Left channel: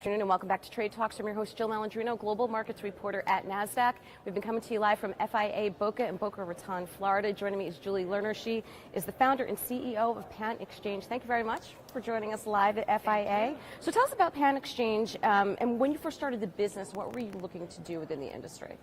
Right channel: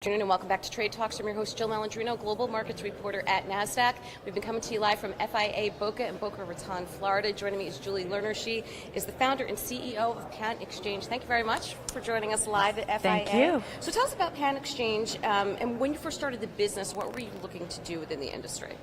Good afternoon and welcome back to Trade Talks. I'm your host, Jill Malandrino, Global Markets Reporter at Nasdaq. We've been coming to you live from FIA Boca in Boca Raton, Florida. Joining me is Julie Lerner. She is the founder and CEO of PanXchange. Thank you very much for joining us live at FIA. Thank you. So tell us about PanXchange, and when you first started the business, what were you looking to do within the industry?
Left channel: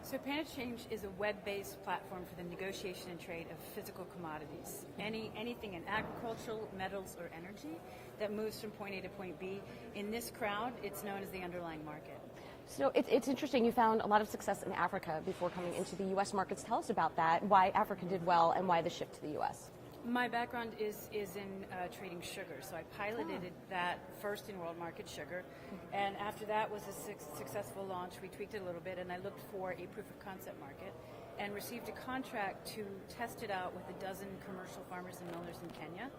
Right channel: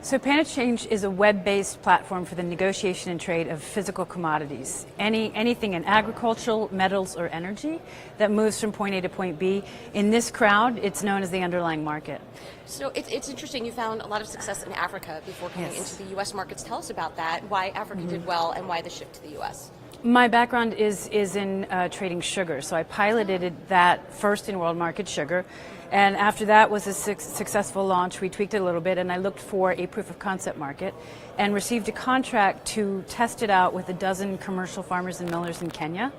So PannaChange is a web-based platform for the negotiation and trade of physical commodities. Anything in agricultural, metals, or energy that moves from point A to point B. In this crowd, it's known as the underlying market. So it's interesting, you found a lot of success in Africa before coming into the U.S. markets. Tell us about that, why Africa did well, and why the shift to the U.S. My background is in trading sugar, so I piloted that first in world market sugar. And after that was a successful launch, we tweaked it a little bit, and I looked for a proof of concept market and received a contract to test it out with a dozen commercial farmers and millers in Kenya,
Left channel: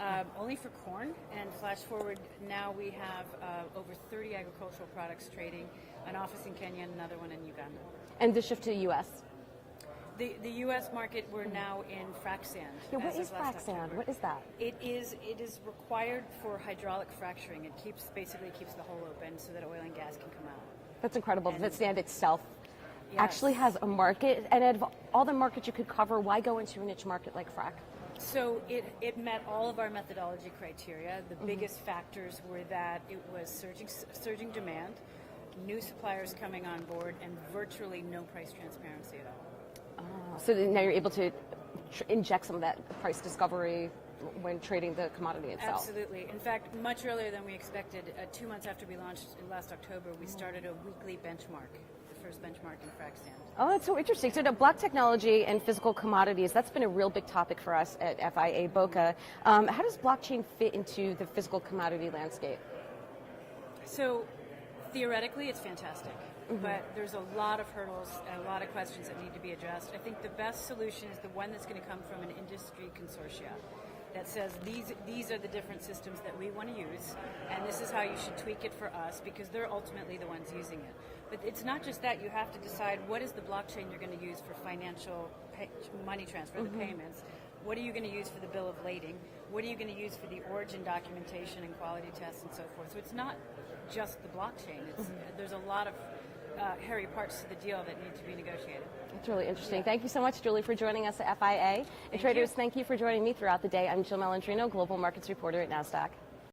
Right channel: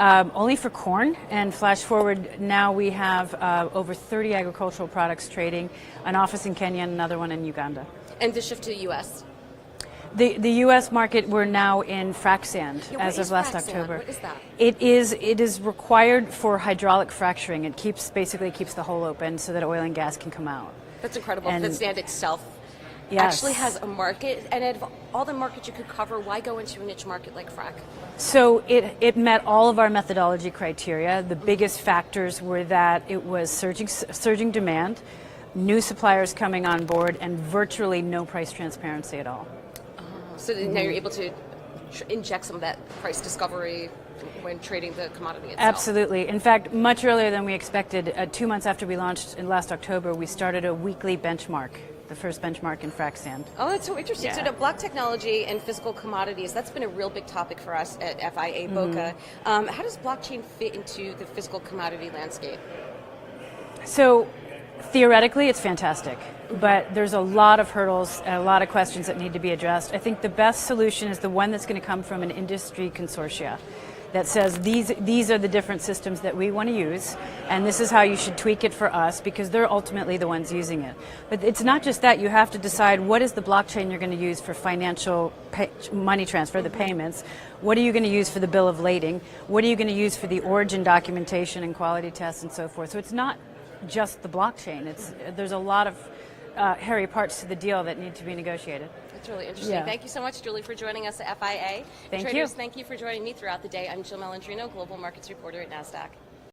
only for corn. And flash forward, now we have over 30 agricultural products trading, an office in Kenya and another one in Uganda. And the shift to the U.S.? The U.S. market, we're now in Frack sand as of last October. What is that? It is required for hydraulic fracturing. It basically keeps the hole open so that oil and gas can come out. That's incredible. The sand itself Yes. actually has a market, and out of all the markets you could cover, why go into a niche market like Frack? So it met all of our methodology criteria. The biggest factors were that it was surging demand, new suppliers coming on board, and virtually no price transparency at all. So now you're able to inject some of that price discovery when trading the commodity itself. Absolutely. In fact, much earlier than we expected, 2 months after we launched in last October, we started a weekly benchmark, the first benchmark in Frack sand. Oh, that's so interesting. So the block technology and physical commodities, that's been a real big topic for us at FIA Boca. How does blockchain fit into the physical commodity landscape? So theoretically, it's fantastic. But there's a lot of hurdles and a lot of questions that need to be addressed. I think the best solution is the one that's going to come from an industry consortia that says these are the different systems that we want to use, and this is how you should tweak it for us, because they're ultimately the ones using it. But it's not just that. You have to decide what is the blockchain you're going to use for financial money transfer, the payments. What are you going to use for the bill of lading? What are you going to use for the origin documentation and quality tests and so forth? So it's not just the blockchain. There's a lot of hairy parts to the deal that need to be negotiated. That's really interesting. Yeah. Thank you so much, Julie, for joining us at FIA. Thank Traders, you. thank you for joining me throughout the day. I'm Jill Malandrino, Global Markets Reporter at Nasdaq.